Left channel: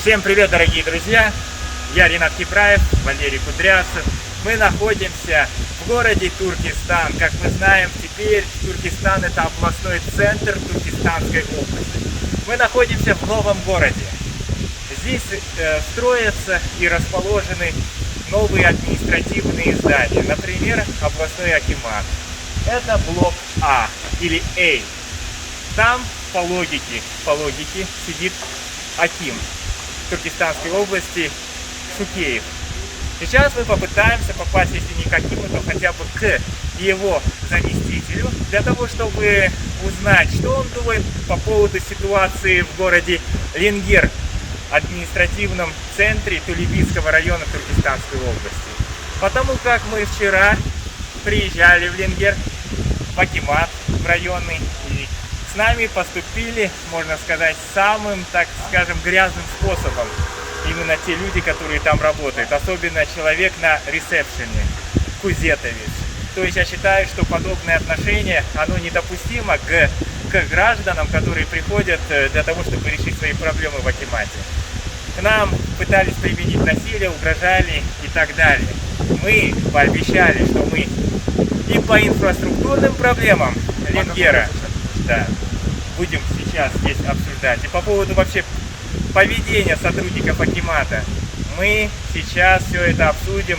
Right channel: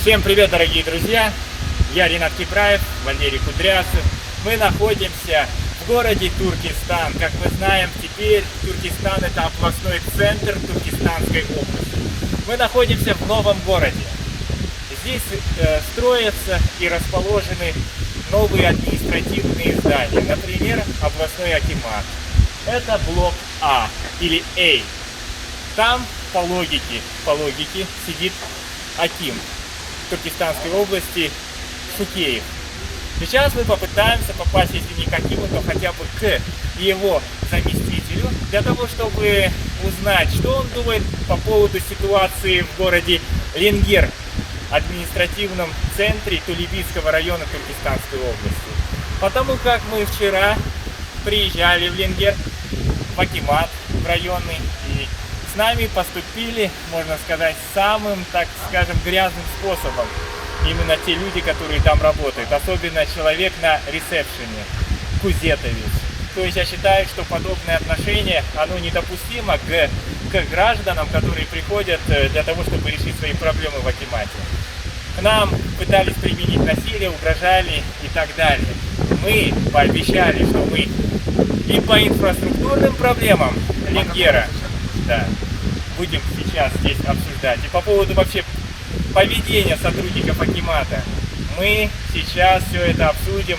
Всем привет, дорогие друзья! Я Ринат Кипраев, Валерий Кудрявцев. Мы находимся в городе Туркестан. Как мы знаем, теперь Туркестан — это областной центр Туркестанской области. Мы находимся в новом городе. Здесь строятся и расположены новые административные здания. Например, областной акимат. Это блок А или А. Там по логике сидит аким Туркестанской области Шукеев. Сейчас мы попытаемся попасть, если не к акиму, то хотя бы к его заместителю, для того, чтобы узнать, что он думает по поводу ситуации в городе Ленгер, административном центре Тулебийского района Туркестанской области. Потому как мы вчера приезжали в Ленгер, в акимат, в районный, и с нами поступили, можно сказать, самым, так скажем, грязным способом. Именно те люди, которые там работают. Особенно человек на ресепшене, Кузетович. То есть я считаю, что подобное отношение, оно недопустимо к гражданам, которые приходят для того, чтобы решить свои проблемы в акимате. К нам пытались применить насилие, угрожали и так далее. Мы пообещали, что мы и по инфраструктурным проблемам Ленгера, да, будем сейчас здесь обсуждать. И по поводу вообще поведения сотрудников акимата мы сейчас все это обсудим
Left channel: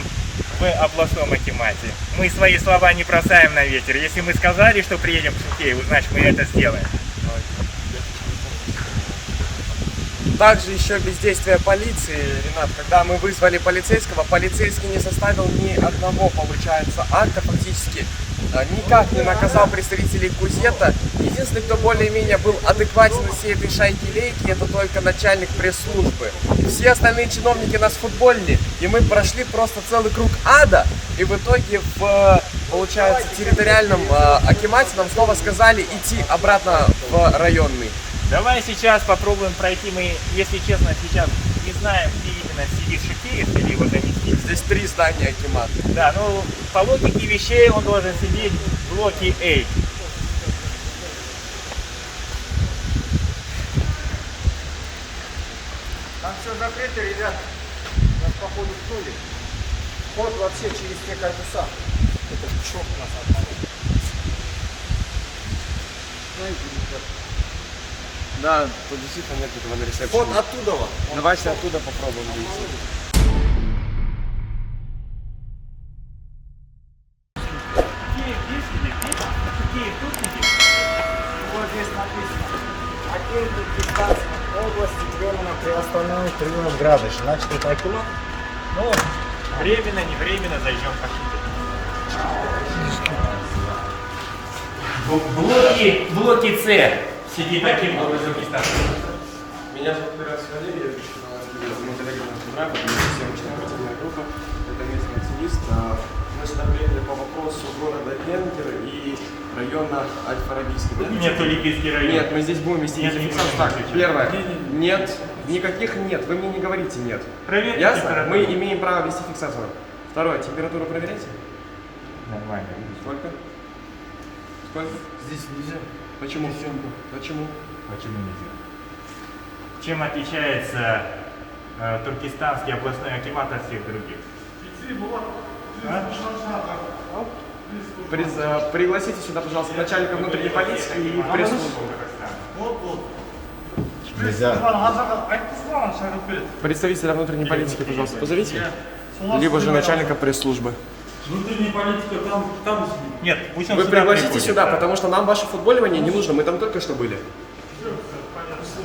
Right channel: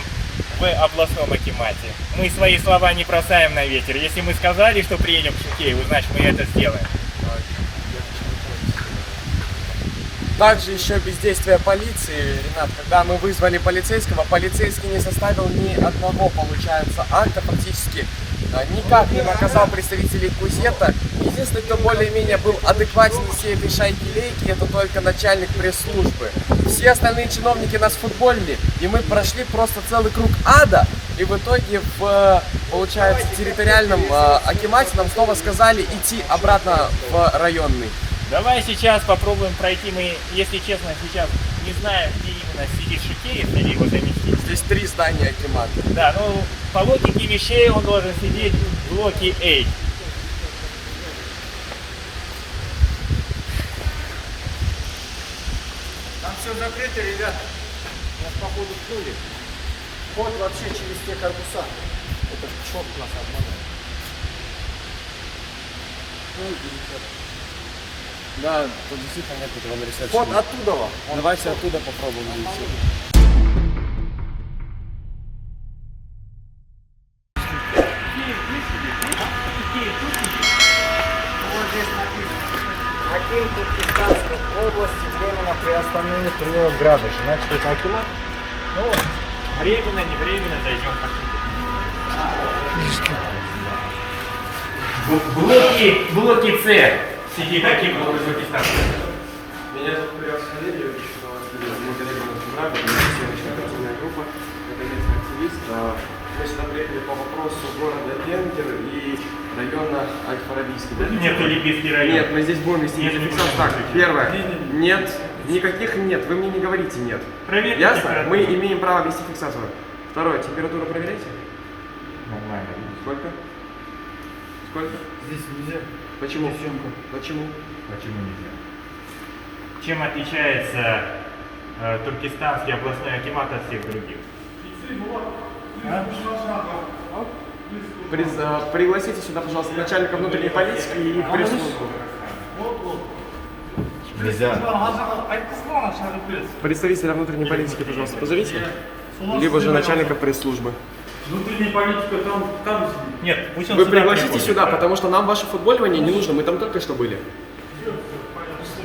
в областном акимате. Мы свои слова не бросаем на ветер. Если мы сказали, что приедем к Шукееву, значит мы это сделаем. Также еще бездействие полиции, Ренат, когда мы вызвали полицейского, полицейский не составил ни одного, получается, акта, практически никак не наказал представителей Кузета. Единственный, кто более-менее был адекватен из всей этой шайки-лейки, это только начальник пресс-службы. Все остальные чиновники нас футболили, и мы прошли просто целый круг ада, и в итоге в, получается, территориальном акимате нам снова сказали идти обратно в районный. Давай сейчас попробуем пройти. Мы, если честно, сейчас не знаем, где именно сидит Шукеев или его заместитель. Здесь 3 здания акимата. Да, ну по логике вещей он должен сидеть в блоке А. Там все закрыто, ребят. Нас походу ткнули. Вход вообще через те корпуса. Это чок нас обманул. Да, тут действительно нет этого на ресепшене. Вход оттуда. Давайте оттуда попробуем выйти. Вот здесь написано. Аким Туркестанской области временно приостановлен прием грабеж. Значит, это акимат? Ну, временно, не временно, зайдем посмотрим. В блоке С сидит аким Туркестана. Меня зовут Кудрявцев Валерий, я пишу на вас видео. Мы коллеги на Кубрага, съемочная оперативная группа, это местный активист. Мы сюда приехали по вопросу города Ленгер и района Аль-Фарабийский. Да? Нет, Тулебийский район. Нет, мы здесь будем вести Нет, не видеофиксацию. будем. Так, первое. Нет, никаких нет. Вы мне не говорите нет. Проверьте Ясно? температуру. Мы имеем право вести фиксацию. Второе, температуру проверяйте. Нормально. Сколько? Сколько? Здесь нельзя. Почему? Почему? Почему нельзя? Чем отличается туркестанский областной акимат от всех других? Пригласите сюда, пожалуйста, начальника внутренней политики и пресс-службу. Нельзя. Представителя внутренней политики, пожалуйста, позовите. Либо же начальника пресс-службы. Внутренняя политика там сидит. Нет, пусть он Вы сюда пригласите приходит, сюда, да. потому что нам ваше футболивание не нужно, мы там только что были.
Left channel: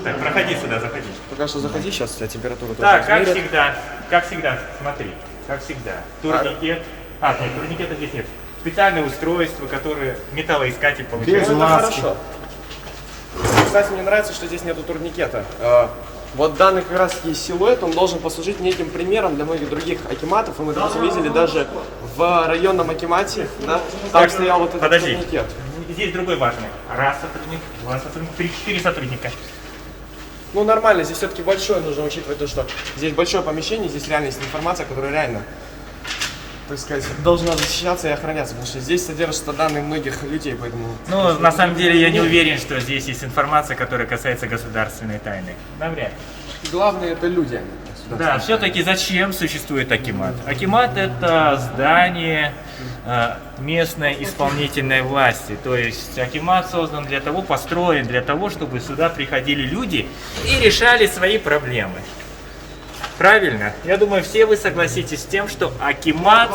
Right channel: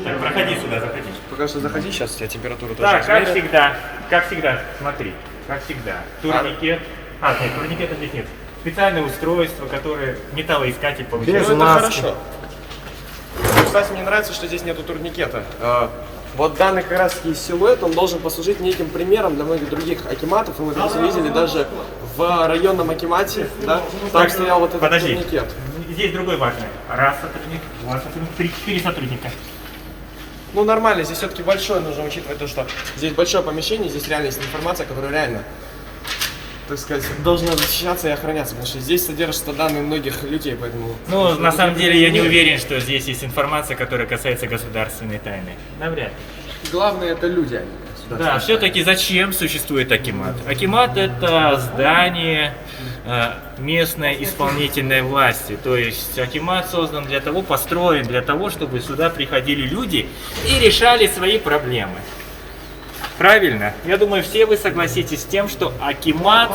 Так, проходи сюда, заходи. Пока что заходи, сейчас у тебя температура тоже Так, измерят. как всегда, смотри, как всегда. Турникет. Нет, турникета здесь нет. Специальное устройство, которое металлоискатель получает. Ну, это хорошо. Кстати, мне нравится, что здесь нету турникета. Вот данный как раз есть силуэт, он должен послужить неким примером для многих других акиматов. И мы это видели даже в районном акимате, да, там стоял вот этот турникет. Здесь другой важный. Раз сотрудник, два сотрудника, 3-4 сотрудника. Ну нормально, здесь все-таки большое, нужно учитывать то, что здесь большое помещение, здесь реально есть информация, которая реально, так сказать, должна защищаться и охраняться, потому что здесь содержатся данные многих людей, поэтому... Ну, на самом деле, я не уверен, что здесь есть информация, которая касается государственной тайны. Навряд ли. Главное это люди, они. Да, все-таки зачем существует Акимат? Акимат это здание местной исполнительной власти. То есть Акимат создан для того, построен для того, чтобы сюда приходили люди и решали свои проблемы. Правильно? Я думаю, все вы согласитесь с тем, что Акимат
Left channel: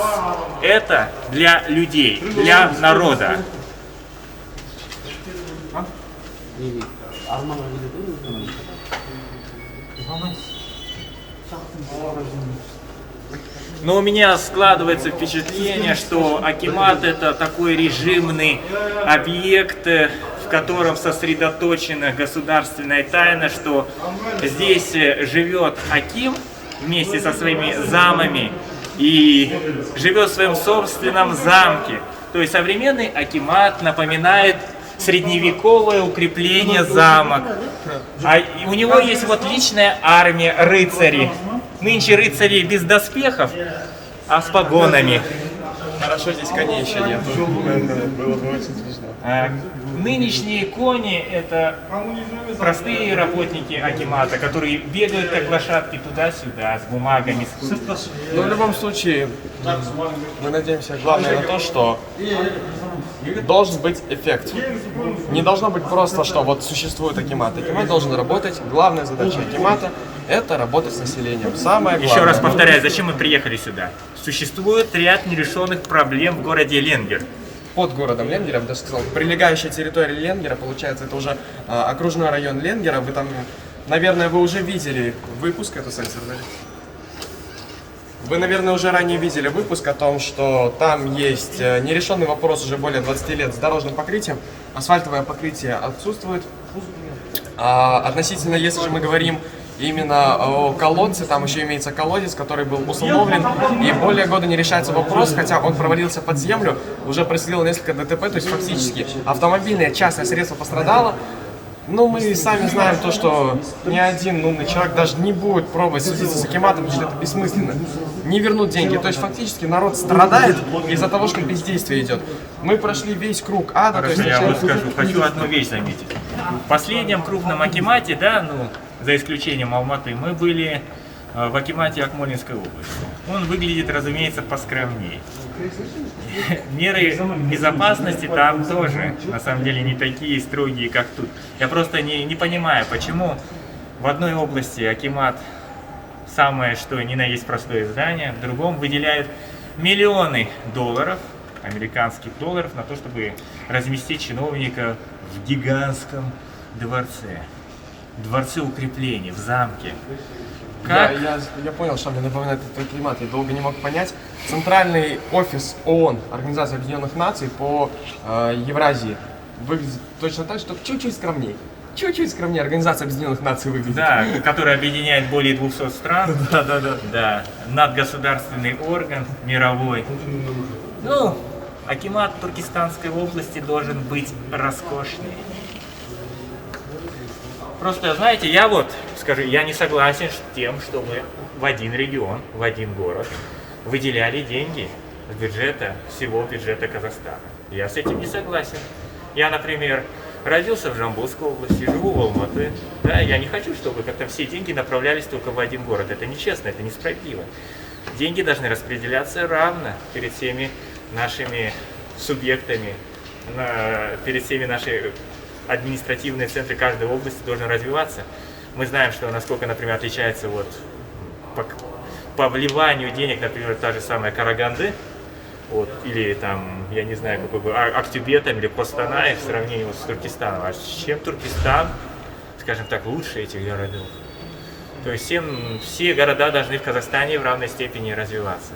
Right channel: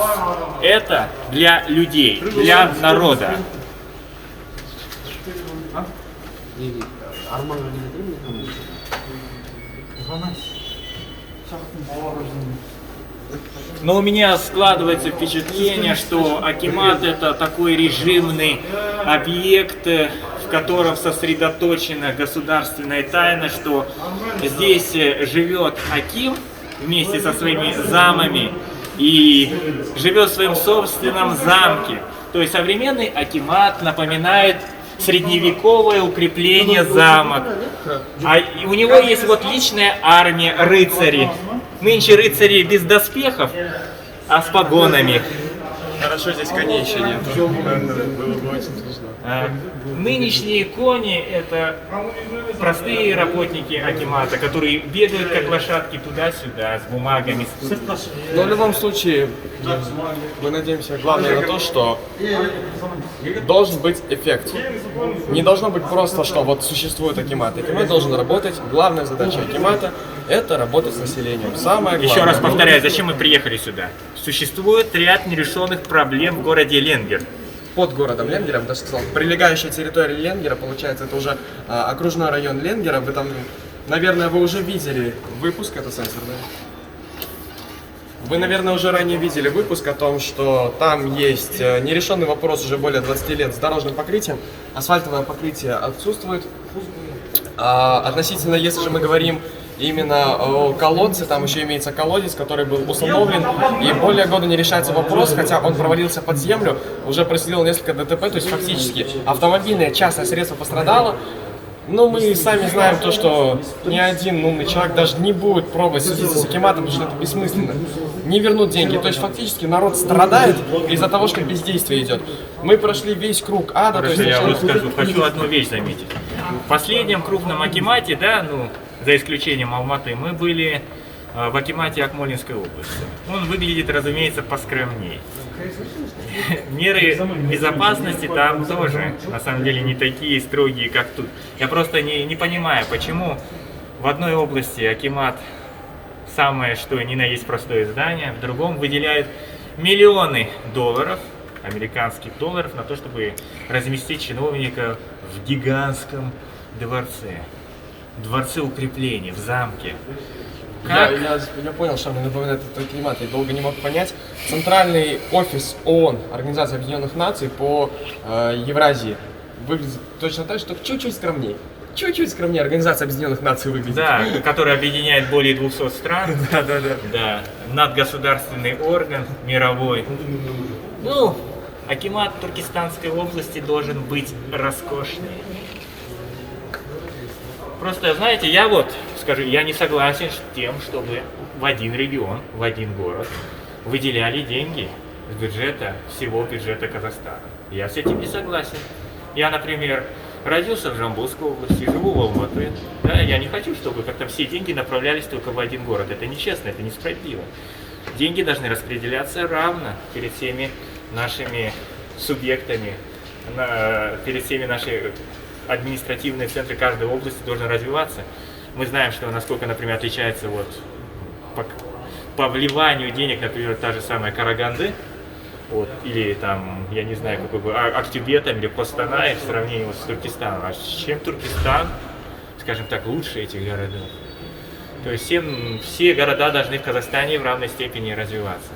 это для людей, для народа. Но у меня складывается впечатление, что Акимат это такой режимный объект, в котором сосредоточена государственная тайна, что здесь живет Аким вместе со своими замами и живет в своем собственном замке. То есть современный Акимат напоминает средневековое укрепление замок. А у него есть вот личная армия рыцарей. Нынче рыцари без доспехов, а с погонами. Хорошо, здесь коней еще нет. Было бы очень смешно. Нынешние кони это простые работники Акимата, которые бегают как лошадки туда-сюда с бумагами. Но в любом случае, мы надеемся главное на то, что должен быть эффект. Не должно быть просто, что вот существует Акимат. Акимат должен работать. Главная задача Акимата это работать с населением. Самое главное. Еще раз повторяю, зачем мы приехали сюда? Существует ряд нерешенных проблем в городе Ленгер. Под городом Ленгером, даже сказал, прилегающая территория Ленгера, получается, это уже окружной район Ленгера. Вы там, наверное, вы уже видели выпуск, это сенсор, да? Вы, наверное, уже ранее видели выпуск о том, что там есть нерешенный вопрос уже более 20 лет с дорожным покрытием. Асфальтовое покрытие отсутствует. Относительно, если же мы говорим именно о колодце, там еще имеется колодец, который был установлен, и более года не решается вопрос, хотя он провалился под землю, уже происходило несколько ДТП, то есть фактически автомобильное частное средство пострадало. Но мы сами знаем то, что ни один умный человек даже не будет пробовать судиться с Акиматом, потому что это бессмысленно. Не вернут деньги. То есть фактически народ страдает из-за того, что бездействие идет. Мы прошли весь круг ада. То есть, Я вот скажу, хочу одну вещь заметить. В последнем крупном Акимате, да, за исключением Алматы, мы были в Акимате Акмолинской области. Он выглядит, разумеется, поскромнее. Меры безопасности там тоже, на самом деле, не такие строгие, как тут. Я просто не понимаю, почему в одной области Акимат самое что ни на есть простое здание, в другом выделяет миллионы долларов, американских долларов, на то, чтобы разместить чиновников в гигантском дворце укрепления, в замке. Как? Я понял, что мне напоминает этот климат, я долго не мог понять. Центральный офис ООН, Организации Объединенных Наций по Евразии, выглядит точно так же, только чуть-чуть скромнее. Чуть-чуть скромнее Организация Объединенных Наций выглядит. Да, которая объединяет более 200 стран. Да, надгосударственный орган мировой. Акимат Туркестанской области должен быть роскошный. Просто, знаете, я не согласен с тем, чтобы в один регион, в один город выделяли деньги с бюджета, всего бюджета Казахстана. Я с этим не согласен. Я, например, родился в Жамбылской области, живу в Алматы. Да, я не хочу, чтобы как-то все деньги направлялись только в один город. Это нечестно, это несправедливо. Деньги должны распределяться равно перед всеми нашими субъектами, перед всеми нашими административные центры каждой области должны развиваться. Мы знаем, что насколько, например, отличается по вливанию денег, например, та же самая Караганды, или там, я не знаю, какой бы, Актюбе там, или Костанай в сравнении с Туркестаном. А чем Туркестан, скажем так, лучше этих городов? То есть все города должны в Казахстане в равной степени развиваться.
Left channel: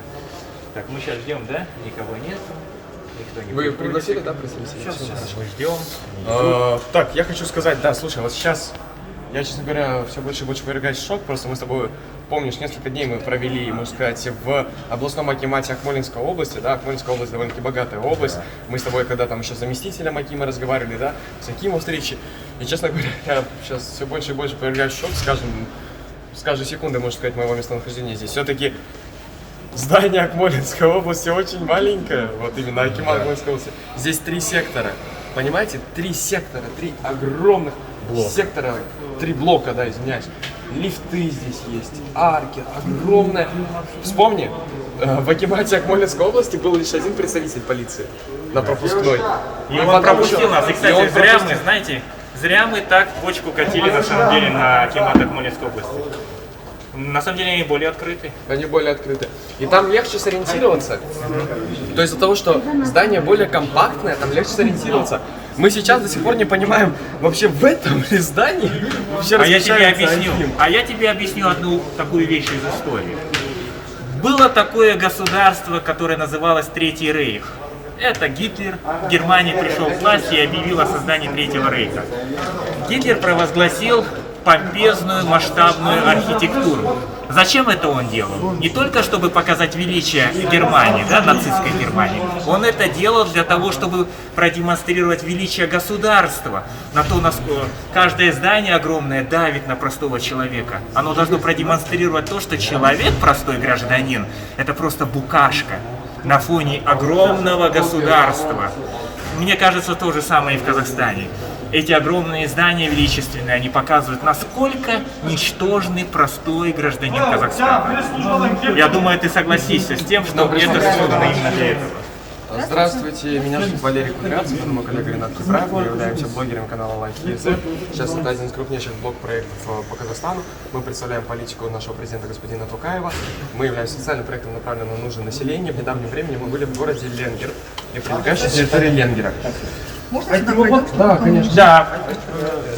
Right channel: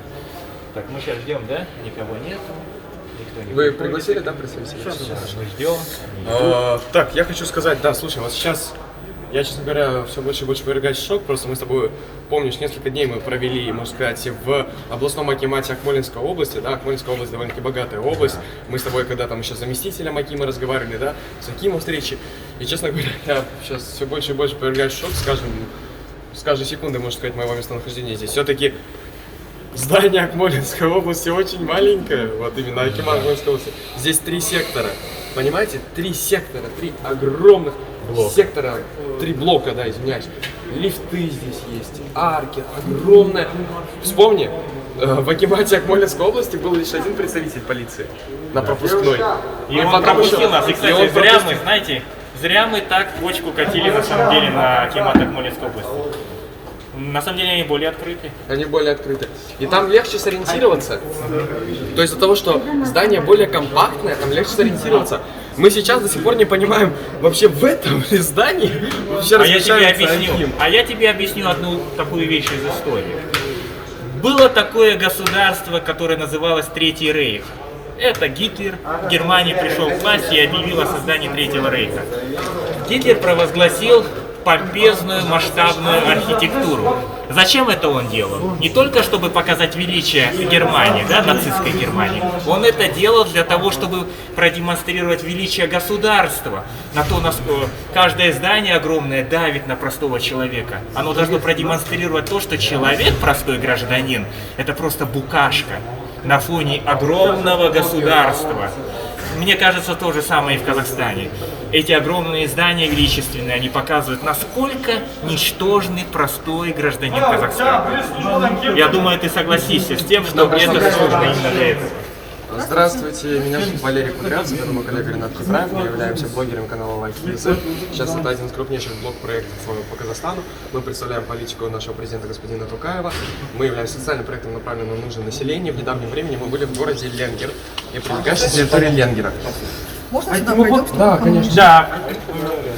Так, мы сейчас ждем, да? Никого нет. Вы пригласили, да, представителей? Сейчас мы ждем. Так, я хочу сказать, да, слушай, вот сейчас я, честно говоря, все больше и больше повергаюсь в шок. Просто мы с тобой, помнишь, несколько дней мы провели, можно сказать, в областном акимате Акмолинской области, да, Акмолинская область довольно-таки богатая область. Мы с тобой, когда там еще с заместителем Акима разговаривали, да, с Акимом встречи. И, честно говоря, я сейчас все больше и больше повергаюсь в шок, с каждой секунды, можно сказать, моего местонахождения здесь. Все-таки здание Акмолинской области очень маленькое, вот именно Акимат Акмолинской области. Здесь 3 сектора, понимаете? 3 сектора, 3 огромных сектора, 3 блока, да, извиняюсь. лифты здесь есть, арки, огромная. Вспомни, в Акимате Акмолинской области был лишь один представитель полиции на пропускной. И он пропустил нас. И, кстати, зря мы, знаете, зря мы так бочку катили на самом деле на Акимат Акмолинской области. На самом деле они более открыты. Они более открыты. И там легче сориентироваться. То есть из-за того, что здание более компактное, там легче сориентироваться. Мы сейчас до сих пор не понимаем, вообще в этом ли здании вообще размещается Аким. А я тебе объясню одну такую вещь из истории. Было такое государство, которое называлось Третий Рейх. Это Гитлер в Германии пришел к власти и объявил о создании Третьего Рейха. Гитлер провозгласил помпезную масштабную архитектуру. Зачем это он делал? Не только чтобы показать величие Германии, да, нацистской Германии. Он это делал для того, чтобы продемонстрировать величие государства. На то, насколько каждое здание огромное давит на простого человека. Оно должно продемонстрировать то, что человек, простой гражданин, это просто букашка на фоне огромного государства. Мне кажется, то же самое и в Казахстане. Эти огромные здания величественные, они показывают, насколько ничтожный простой гражданин Казахстана. Я думаю, ты согласишься с тем, что это создано именно для этого. Здравствуйте, меня зовут Валерий Кудрявцев, это мой коллега Ренат Кудраев, мы являемся блогером канала LifeKids. Сейчас это один из крупнейших блог-проектов по Казахстану. Мы представляем политику нашего президента господина Токаева. Мы являемся социальным проектом, направленным на нужды населения. В недавнем времени мы были в городе Ленгер и прилегающей территории Ленгера. Можно сюда пройдем? Да, конечно. Да,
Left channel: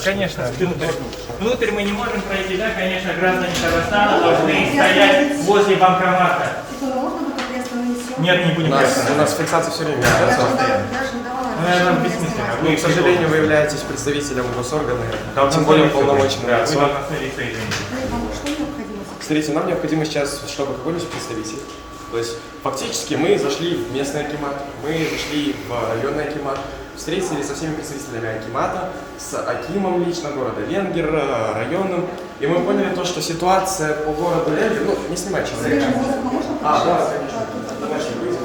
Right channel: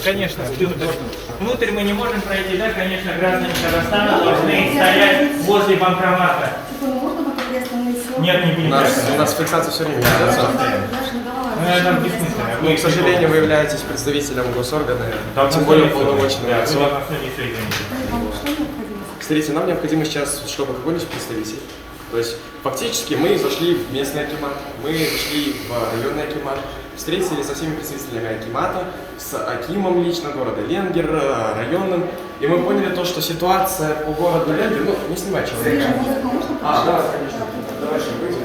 конечно. Внутрь мы не можем пройти, да, конечно, граждане Казахстана должны стоять возле банкомата. Можно мы тогда остановимся? Нет, не будем У нас фиксация все время. Я же не давала Нам разрешения. бессмысленно. К сожалению, вы являетесь представителем госоргана, Должны тем более смотреться, полномочного да, вы лица. должны смотреться, извините. Вам что необходимо? Смотрите, нам необходимо сейчас, чтобы какой-нибудь представитель. То есть фактически мы зашли в местный акимат, мы зашли в районный акимат, встретились со всеми представителями акимата, с акимом лично города Ленгер, районным, и мы поняли то, что ситуация по городу Ленгер, ну, не снимай человека. Да, конечно. Давайте выйдем.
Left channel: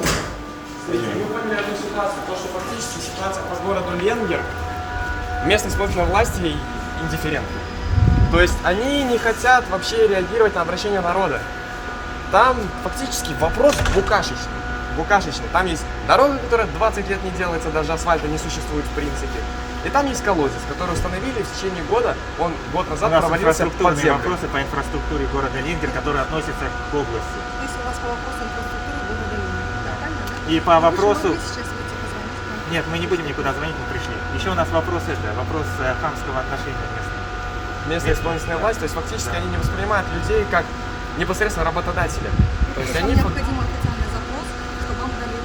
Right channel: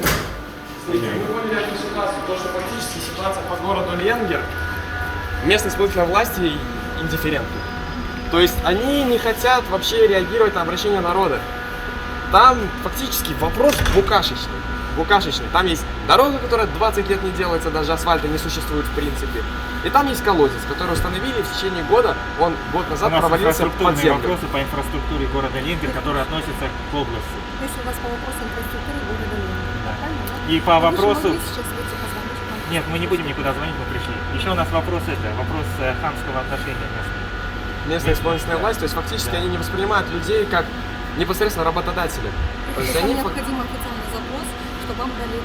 Смотрите, мы поняли эту ситуацию, то, что фактически ситуация по городу Ленгер, местные исполнительные власти индифферентны. То есть они не хотят вообще реагировать на обращение народа. Там фактически вопрос букашечный. Там есть дорога, которая 20 лет не делается, даже асфальта не существует в принципе. И там есть колодец, который установили в течение года, он год назад У нас провалился под инфраструктурные землю. вопросы по инфраструктуре города Ленгер, которые относятся к области. То есть у вас по вопросу инфраструктуры города Ленина, да, правильно, да? И по вопросу... Вы сейчас выйти позвонить к нам? Нет, мы не будем никуда звонить, мы пришли. Еще у нас вопрос вопрос хамского отношения местного. Местная исполнительная власть, то есть фактически они не воспринимают людей как непосредственно работодателя. То есть Вам они... необходим официальный запрос, чтобы вам дали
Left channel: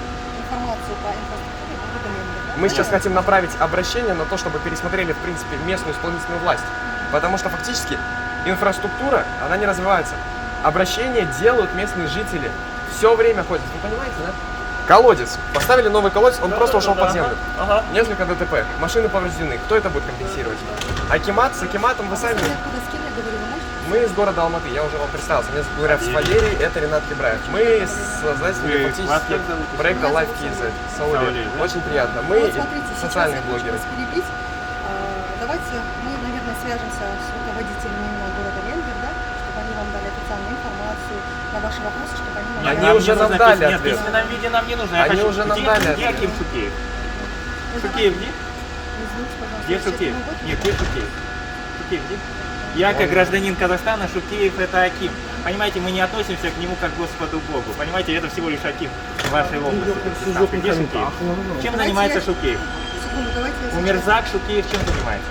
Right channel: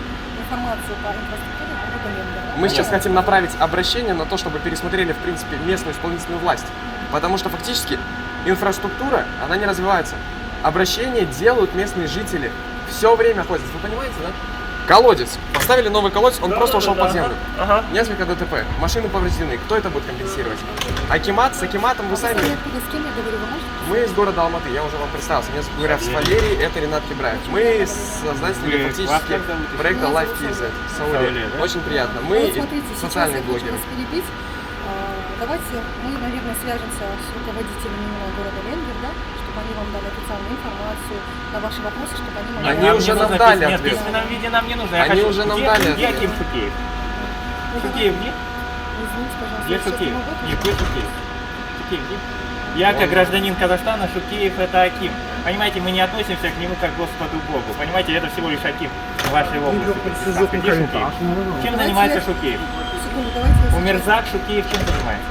информацию по инфраструктуре города Ленина, да? Мы сейчас хотим направить обращение на то, чтобы пересмотрели, в принципе, местную исполнительную власть. Потому что фактически инфраструктура, она не развивается. Обращения делают местные жители. Все время ходят. Вы понимаете, да? Колодец. Поставили новый колодец, он просто ушел под землю. Несколько ДТП. Машины повреждены. Кто это будет компенсировать? Акимат, с Акиматом вы сами... Вы откуда, с кем я говорю, вы можете? Мы из города Алматы, я уже вам представился. Меня зовут Гудрявцев Валерий, это Ренат Кибраев. Мы создатели фактически проекта LifeKids. Сауле. Очень приятно. Мы Вот смотрите, сейчас социальные я хочу блогеры. вас перебить. Давайте мы, наверное, свяжемся с руководителями именно города Ленгер, да, чтобы они вам дали официальную информацию на ваши вопросы, чтобы они могли... Они уже нам дали Нет, в ответ. письменном виде нам не нужно. Они уже нам дали Где ответ. Аким Шукеев? Ну, Шукеев где? Извините, пожалуйста. Где я сейчас Шукеев? не могу Нет, где Шукеев? Шукеев где? Я как гражданин Казахстана, Шукеев это Аким. Понимаете, мы не относимся к нему как к Господу Богу. Понимаете, это всего лишь Аким в вашей области. Представьте, где Шукеев? Чем Давайте занимается я- Шукеев? Секунду, давайте я сейчас- Умерзак Шукеев чем занимается?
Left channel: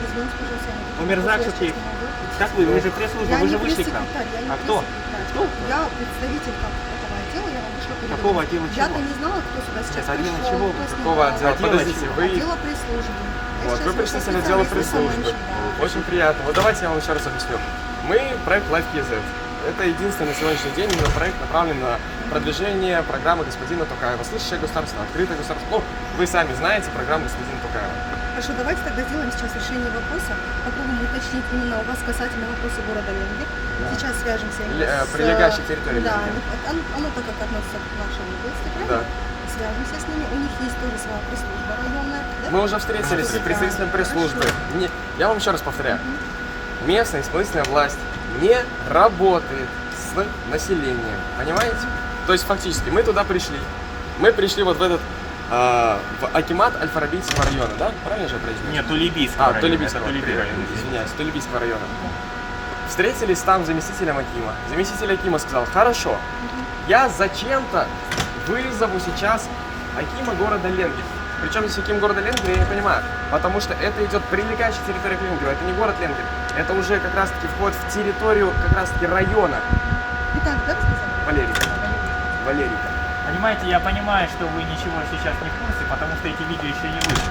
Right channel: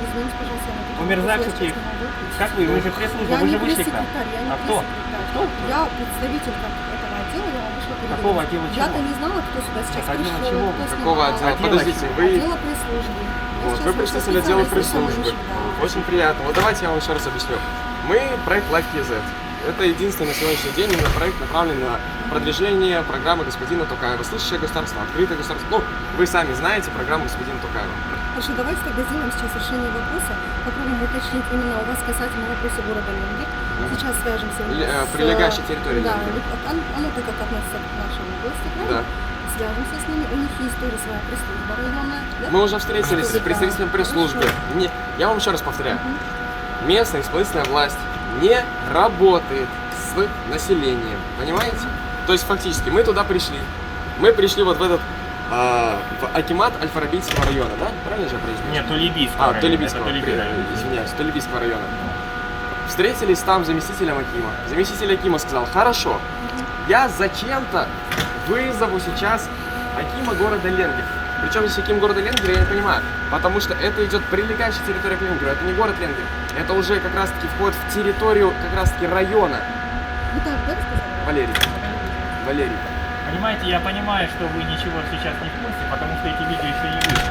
Извините, пожалуйста, я не буду. Умерзак Я сейчас Шукеев. не могу ответить. Как вы? Вы же пресс-служба, Я вы не же вышли к нам. пресс-секретарь, я не А кто? пресс-секретарь. Кто? Я представитель этого отдела, я вам вышла перед Какого вами. отдела Я-то чего? не знала, кто сюда сейчас Нет, отдела пришел, чего вы? кто Какого снимал. отдела? Отдела Подождите, чего? вы... Отдела пресс-службы. Я Вот, сейчас вы вышла представитель отдела специалист пресс-службы. да. Очень приятно. Вот давайте я вам еще раз объясню. Мы проект LifeKids. Это единственный на сегодняшний день именно проект, направленный на продвижение программы господина Токаева. Слышащее государство, открытое государство. Ну, вы сами знаете программу господина Токаева. Хорошо, давайте тогда сделаем сейчас решение вопроса. Попробуем уточнить именно у вас касательно вопроса города Ленгер. Сейчас свяжемся именно с... прилегающей территории Да, Ленгер. оно так как относится к нашей области, правильно? Да. Свяжемся с ними. У них есть тоже своя пресс-служба районная. Да? Мы уже встретились с Да, представителем пресс-службы. хорошо. Не, я вам еще раз повторяю. местная исполнительная власть не работает с населением, понимаете? То есть фактически мы туда пришли, мы пришли вот в этот в акимат Аль-Фарабийского района, да? Правильно же я произнес? Нет, Тулебийского района. Тулебийского, Это Тулеби район. извиняюсь, Тулебийского района. Встретились там с заместителем акима. Заместитель акима сказал: хорошо, я зачем-то вызову сейчас акима города Ленгер. Причем здесь аким города Ленгер, я не понимаю, потому что это идет прилегающая территория к Ленгеру, это не город Ленгер, это уже как раз таки вход в территорию как раз таки района. Виталий, да, вы сказали? Валерий. Понимаете, я понимаю, что вы ничего сейчас не в курсе, потому что эти видео еще не вышли.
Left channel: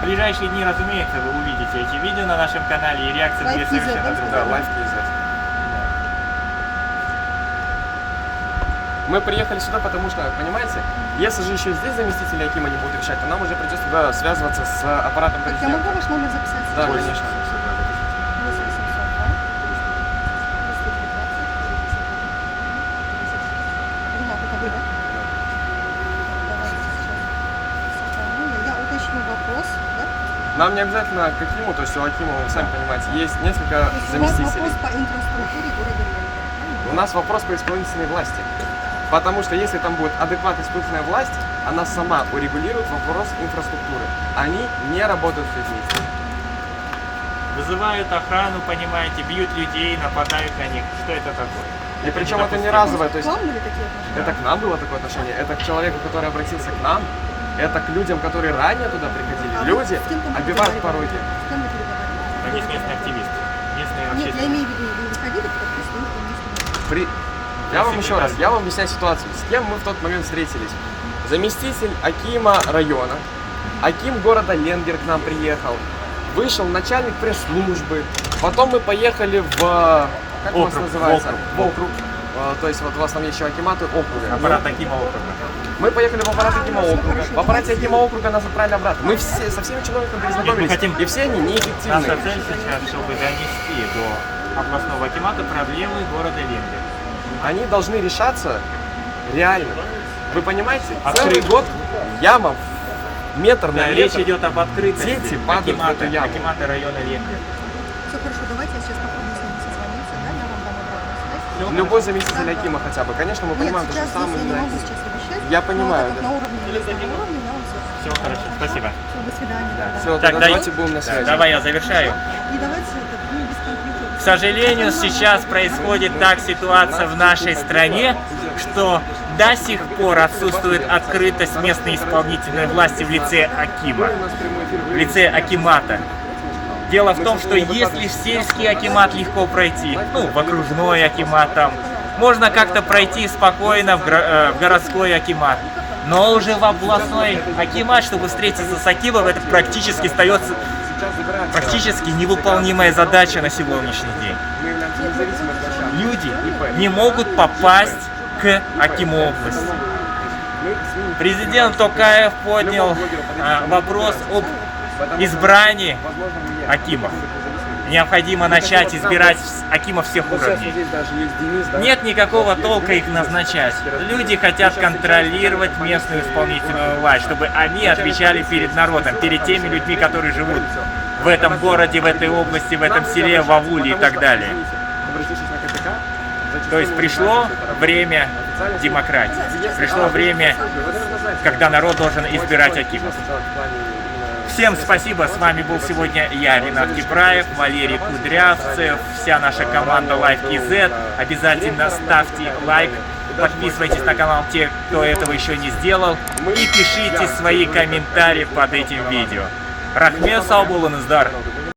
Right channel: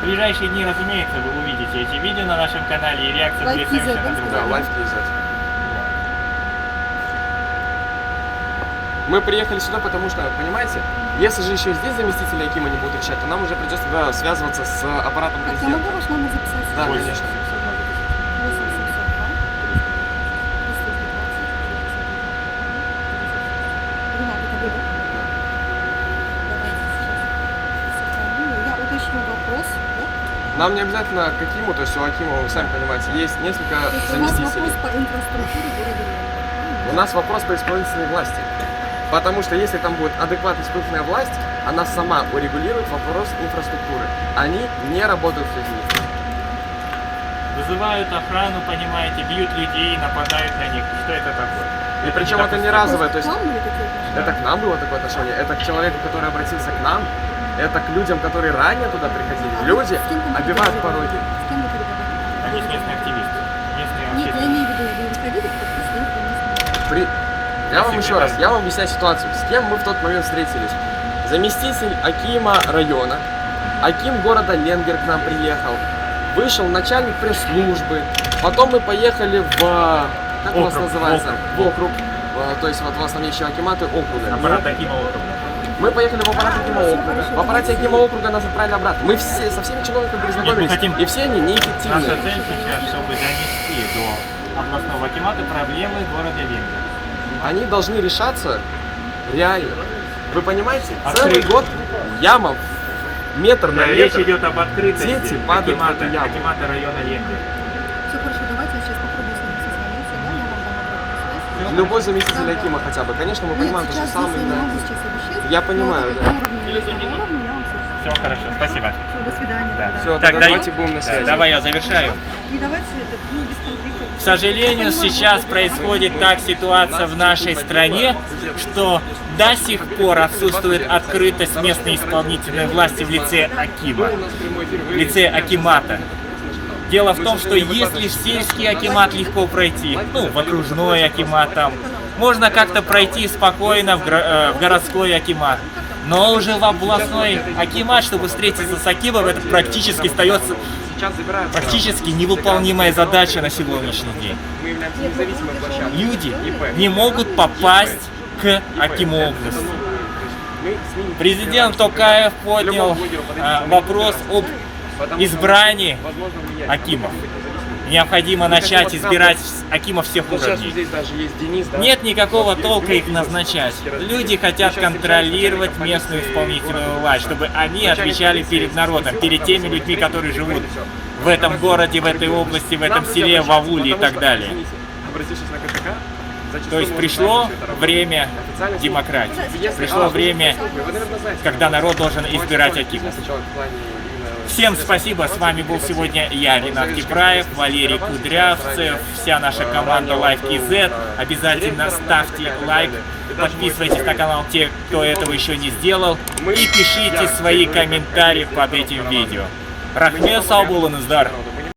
В ближайшие дни, разумеется, вы увидите эти видео на нашем канале, и реакция будет Лайф совершенно Кизет, другая. Да, лайф Кизет. Мы приехали сюда, потому что, понимаете, если же еще здесь заместители акима не будут решать, то нам уже придется связываться с аппаратом Так, я президента. могу ваш номер записать? Да, Ой, конечно. 8702 Ренат, это вы, да? Давайте сейчас сохраню. Я уточню вопрос, да? Нам не обязательно к акиму, то есть у акима, вы сами понимаете, есть несколько То есть у вас заместителей. вопрос по инфраструктуре города Ленина, правильно? У нас вопрос по исполнительной власти. Потому что если там будет адекватная исполнительная власть, она сама урегулирует вопрос инфраструктуры. Они не работают с людьми. Вызывают охрану, понимаете, бьют людей, нападают на них. Что это такое? И причем это не недопустимо. разовое, то К есть вам были такие отношения? это к нам было такое отношение, это к человеку, который обратился к нам, это к людям, которые ранее туда приходили. А вы Люди с кем там обивают переговаривали? пороги. С кем вы переговаривали? Они же местные активисты, местные Нет, я общественники. имею в виду, вы выходили как представитель местного. Я вам еще раз, я вам объясняю ситуацию. С кем мы в тот момент встретились? Заместитель акима района, аким города Ленгер к нам приехал, вышел начальник пресс-службы, потом мы поехали в... Как у вас Округ, называется? округ. В округ. То есть вот у вас там есть еще акиматы округа. Аппарат Акима округа. Мы поехали в аппарат акима округа. хорошо, В аппарате давайте. акима округа нас отправили обратно. Мы все, со всеми чиновниками перезнакомились, хотим- и все они Наша неэффективны. цель сейчас, чтобы донести до областного акимата проблемы города Ленгер. Они должны решаться реально. Вы понимаете? Открыто. Целый год яма метр на Да, метр. речь идет об открытости Дети падают в эту яму. акимата района Ленгер. Все хорошо, давайте я сейчас попробую с вами созвониться, да, я вам дам обратную связь. Любой заместитель Да, акима хотя бы. Конечно, мы Нет, понимаем то же сейчас здесь самое. я не да. могу сейчас обещать. Я понимаю, но так да. как на уровне местного уровня я вам все. Все хорошо, спасибо. Все, до свидания. Да. тогда. Все, Так, тогда давайте будем на Да, связи. давай я завершаю. И давайте это, ну, без конфликта. К сожалению, сейчас происходит так ситуация в нашей стране, что до сих пор отсутствует открытость местной исполнительной власти в лице акима, в лице акимата. Дело в том, что если в сельский акимат легко пройти, ну, в окружной акимат там, можно как-то пройти спокойно в городской акимат. Но уже в областной акимат, чтобы встретиться с акимом, это практически остается практически невыполнимая задача на сегодняшний день. Мы являемся независимой площадкой. Люди не могут попасть к акиму области. Президент Токаев поднял вопрос об избрании акимов. Необходимо начать избирать акимов всех уровней. Здесь даже есть Денис, да? Нет никакого толка их назначать. Люди хотят контролировать местную исполнительную власть, чтобы они отвечали перед народом, перед теми людьми, которые живут в этом городе, в этой области, в этом селе, в ауле и так далее. То есть пришло время демократии, пришло время, когда народ должен избирать акимов. Всем спасибо, с вами был сегодня я, Ренат Кипраев, Валерий Кудрявцев, вся наша команда Life KZ. Обязательно ставьте лайк, подписывайтесь на канал те, кто этого еще не сделал, и пишите свои комментарии под этим видео. Рахмет, сау болыңыздар.